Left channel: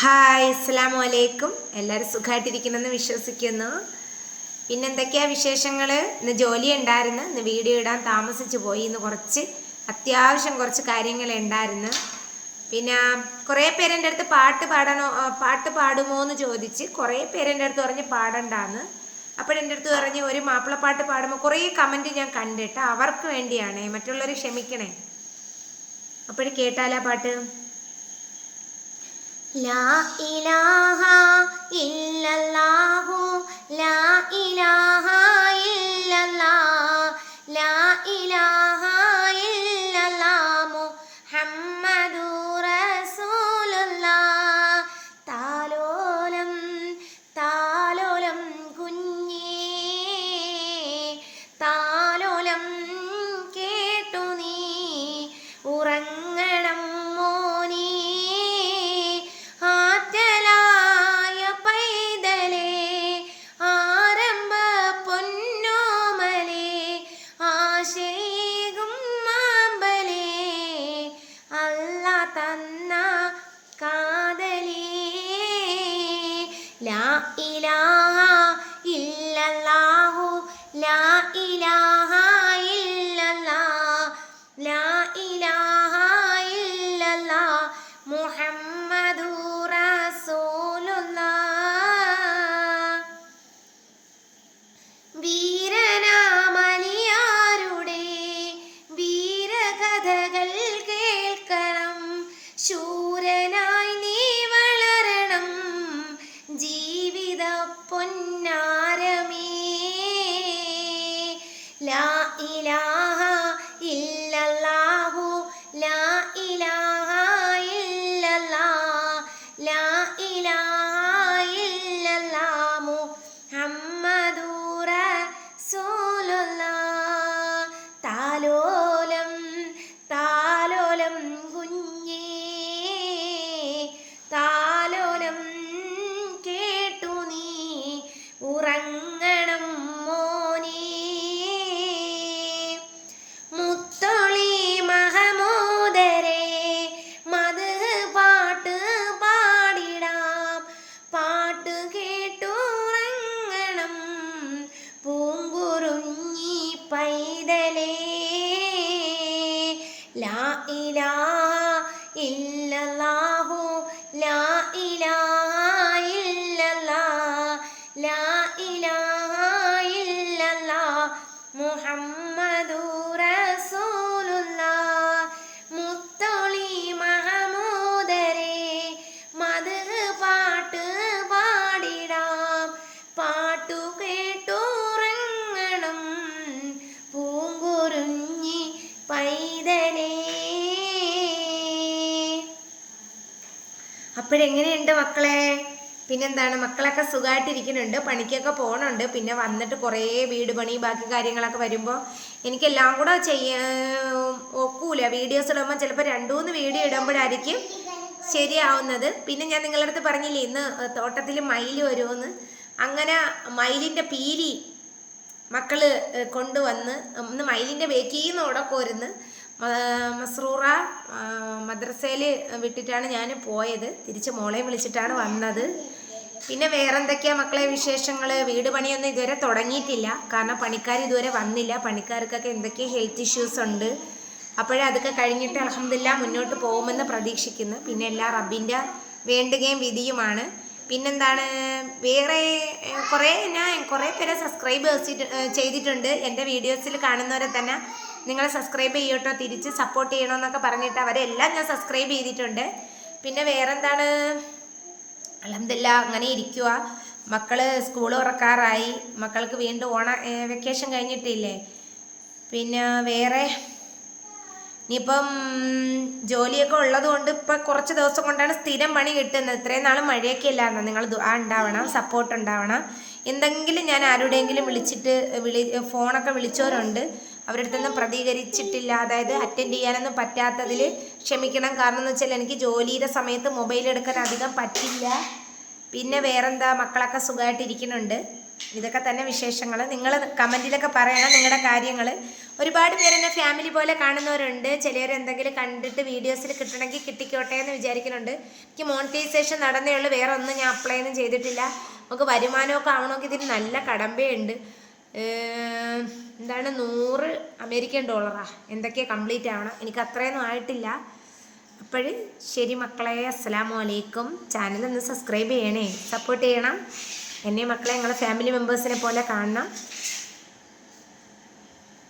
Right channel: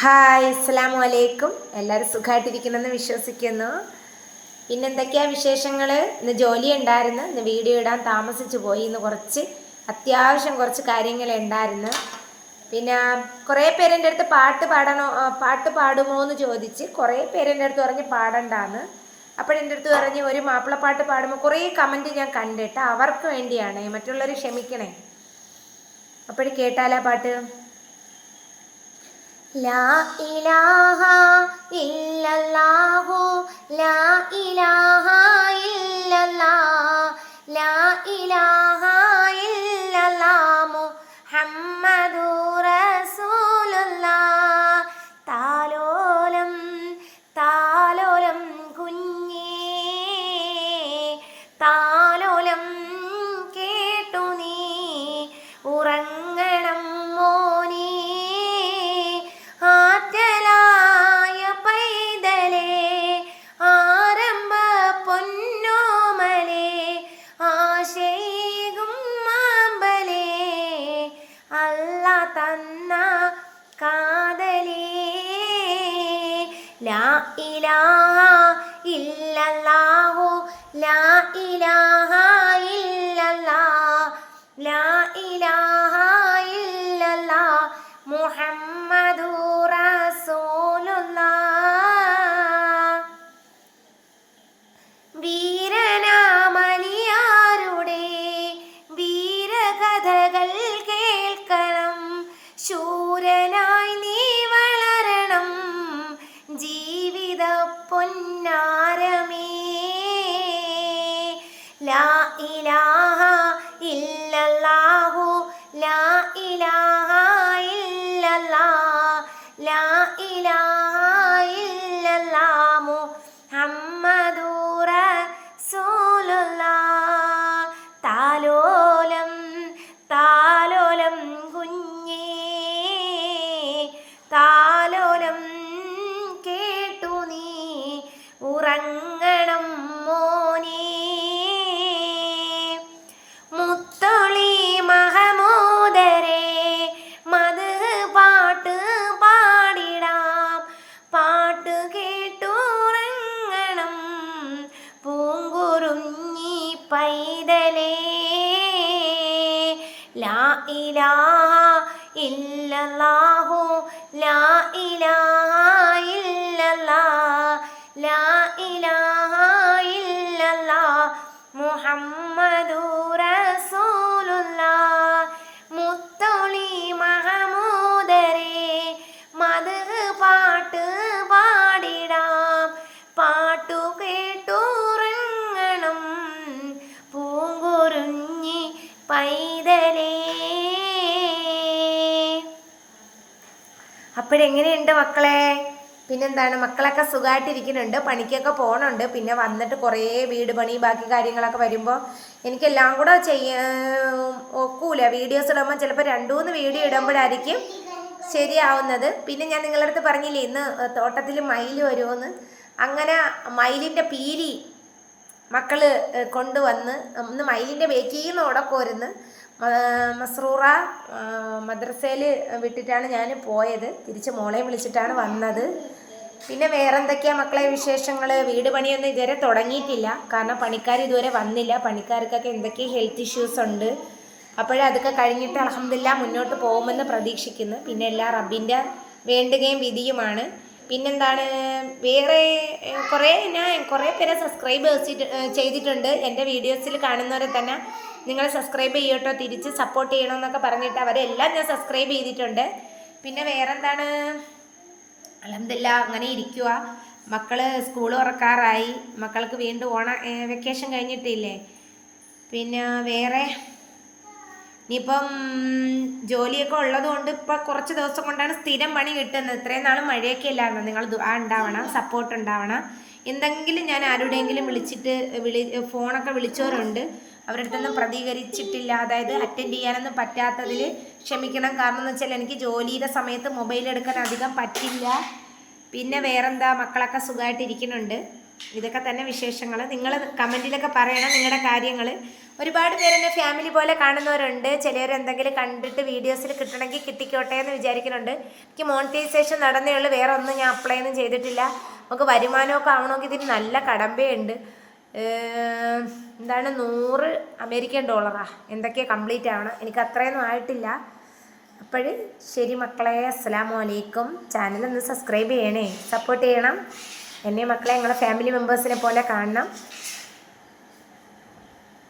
Hi അസ്സാം വലൈക്കും എല്ലാവരും സുഖമായിട്ടിരിക്കുന്നെന്ന് വിശ്വസിക്കുന്നു. പിന്നെ എന്തൊക്കെയാ വിശേഷങ്ങൾ ഇന്ന് ജോലി ഉണ്ടായിരുന്നു. ഇന്ന് വീഡിയോ ഇടാൻ താമസിച്ചു പോയി. ഇന്ന് കുറച്ച് അത്യാവശ്യം കുറച്ച് കാര്യങ്ങൾ ഉണ്ടായിരുന്നു. പിന്നെ കുറേ പേരെന്റെ അടുത്ത് പാട്ട് പാടണോ പാട്ട് പാടുമോ എന്ന് ചോദിച്ച് കുറേ പേരെന്റെ അടുത്ത് പറഞ്ഞ് പാടണ്ടാന്ന്. അപ്പോഴെന്റെ അടുത്ത് പറഞ്ഞ് ഒരു മാപ്പിളപ്പാട്ട് പാടുമ്പോൾ കുറേ കമന്റ് ഞാൻ കണ്ടിട്ട് അവർക്ക് വേണ്ടിയാണേ. മറ്റുള്ളവർ ക്ഷമിക്കണേ. അപ്പോഴും കേട്ടാലാ പാട്ട്? ലാ ഇലാഹ ഇല്ലല്ലാഹു ലാ ഇലാഹ ലാ ഇലാഹ മുഹമ്മദുർ തന്ന കാതലേ. ലാ ഇലാഹ ലാ ഇലാഹ ഇല്ലല്ലാഹു ലാ ഇലാഹ ഇല്ലല്ലാഹ് ലാ ഇലാഹ ഇല്ലല്ലാഹ് മുഹമ്മദുർ റസൂലുള്ളാഹ്. താലോലം താലോലം ഇലാഹ ഇല്ലല്ലാഹു ലാ ഇലാഹ ഇല്ലല്ലാ ലാ ഇലാഹ ഇല്ലല്ലാ മുഹമ്മദുർ അപ്പോഴെങ്ങനെയുണ്ട് മക്കളെ? പിന്നെന്താണ് മക്കളൊക്കെ സുഖമായിട്ടിരിക്കുന്നുണ്ട് പണിക്കൊക്കെ പോകണുണ്ട് പിന്നെ വന്നിട്ട് കുറേ വീട് പണി ബാക്കി കാര്യങ്ങളൊക്കെ വരുമ്പോൾ എനിക്കെല്ലാം കൂടെ ചെയ്യാൻ ഒക്കൂല. വീഡിയോസ് ഇടുമ്പോൾ ചിലപ്പോൾ രണ്ടു മൂന്ന് വീഡിയോ ഇടുമ്പോഴായിരിക്കും ശരിയാവുന്നത്. പിന്നെ ഞാൻ നിങ്ങളുടെ അടുത്ത് പറഞ്ഞില്ലേ ഇന്ന് തോട്ടത്തിൽ മയിൽ വരുമെന്ന് അങ്ങനെ മയിലിന്റെ പീലി മക്കൾ കൊണ്ടുവന്ന് ഒന്ന് മയിലിന്റെ ബേക്കിൽ നിന്ന് ഉടക്കോരുന്ന് മസ്രൂറ മദ്രസയിൽ വിട്ടിട്ടാണ് ഞാൻ പോയത്. തിരിച്ച് മോളെ വിളിച്ചിട്ടാണ് വന്നത്. പിന്നെ വേറെന്തൊക്കെയാ മക്കളെ വിശേഷങ്ങൾ വീട് പണിയൊന്നും ഇതുവരെ തുടങ്ങിയിട്ടില്ല. കാരണം പണിക്കാർ ഇതുവരെ വന്നില്ല. പണിക്കാർക്കൊക്കെ എന്തൊക്കെ ഹെൽത്ത് ഇഷ്യൂസ് ഉണ്ട്. അപ്പോഴേ അതൊക്കെ കഴിഞ്ഞിട്ട് അലഹമില്ല മുന്നോട്ട് പോകുമെന്ന് പ്രതീക്ഷിക്കുന്നു. പിന്നെ എല്ലാ റബ്ബിന്റെ വേണ്ടുകയും വിധിയുമാണ്. പിന്നെന്താണ്? വേറെ കുറേ ഞാൻ കുറേ പേരെ സബ്സ്ക്രൈബ് ചെയ്തിട്ടുണ്ട്. എന്റെ വീഡിയോസിൽ കാണുന്നവരെ തന്നെ നിങ്ങൾ സബ്സ്ക്രൈബ് ചെയ്യട്ടോ തിരിച്ച് സപ്പോർട്ട് ചെയ്യണമെന്നൊക്കെ പറഞ്ഞിട്ട് അവരെല്ലാം ഞാൻ സബ്സ്ക്രൈബ് ചെയ്തിട്ടുണ്ട്. പിന്നെ വേറെന്താണ്? അലഹമില്ല അങ്ങനെ ഇരിക്കുക മക്കൾ സ്കൂൾ തുറക്കാറായി മക്കൾക്ക് വീണ്ടും ഓണ വെക്കേഷൻ കഴിഞ്ഞിട്ടില്ലേ? പിന്നെ വേറെ? ഇനിയിപ്പം ജോലിയൊക്കെ ഉള്ളതുകൊണ്ട് ഇപ്പം കുറച്ച് ദിവസം കൊണ്ടാണ് സ്ഥിരം പണി കിട്ടുന്നത്. ഇത്രയും നാൾ മഴയൊക്കെ ഇല്ലായിരുന്നു? നിങ്ങൾ ആ ഉണ്ടാവണം സപ്പോർട്ട് ഉണ്ടാവണം. എന്തെങ്കിലും ഞാൻ ആരുടെയെങ്കിലും വിളിച്ചിട്ട് വിളി ഫോണൊക്കെ വിളിച്ചവരുണ്ട്. അവരുടെ അടുത്തൊന്നും പ്രതികരിച്ചിട്ടില്ല. അതായത് അറ്റൻഡ് ചെയ്യാനൊന്നും പറ്റാത്തതിൽ ക്ഷമിക്കണം. കാരണം എന്ന് വെച്ചാൽ എനിക്ക് ജോലിയുടെ സമയത്ത് മൊബൈൽ എടുക്കാൻ അധികം പറ്റില്ല. പിന്നെ വേറെന്താ? മക്കളൊക്കെ സുഖമായിട്ടിരിക്കുന്നുണ്ട്. ഇതൊക്കെ തന്നെ വിശേഷങ്ങൾ നിങ്ങൾ കമന്റിലൊക്കെ പറയണം നിങ്ങളുടെ കാര്യങ്ങൾ ഒരുപാട് പേര് എന്നെ ഫാമിലി പോലെ കാണുന്നവരുണ്ട്. ചിലർ എന്തെങ്കിലും കണ്ടിട്ട് വീഡിയോസിൽ കിട്ടണമെങ്കിൽ കിട്ടിക്കോട്ടെ എന്ന് വിചാരിക്കുന്നുണ്ട്. എനിക്ക് മോണിറ്റൈസേഷൻ നടന്നേ ഉള്ളൂ. വേറെ ഒന്നും ഞാൻ അപ്ലൈ ഒന്നും ചെയ്തിട്ടില്ല. നമുക്ക് വരുമാനമൊക്കെ ആവണമെങ്കിൽ ഇതിന് നല്ല കടമ്പയുണ്ട്. എന്താണ് നൂറ് അമേരിക്കൻ ഡോളറാ. എന്തൊക്കെയാണ് കംപ്ലീറ്റ് ആവണം. എനിക്ക് അത്രയൊന്നും ആയിട്ടില്ല. അപ്പോൾ ശരി മക്കളെ അസ്സലാമു അലൈക്കും. ചാനൽ ഒന്ന് സബ്സ്ക്രൈബ് ചെയ്യണേ. സപ്പോർട്ട് ചെയ്യണം. എന്നെ മക്കളെ ഞങ്ങളെ ഫാമിലി മെമ്പേഴ്സിനെ പോലെ കാണണം.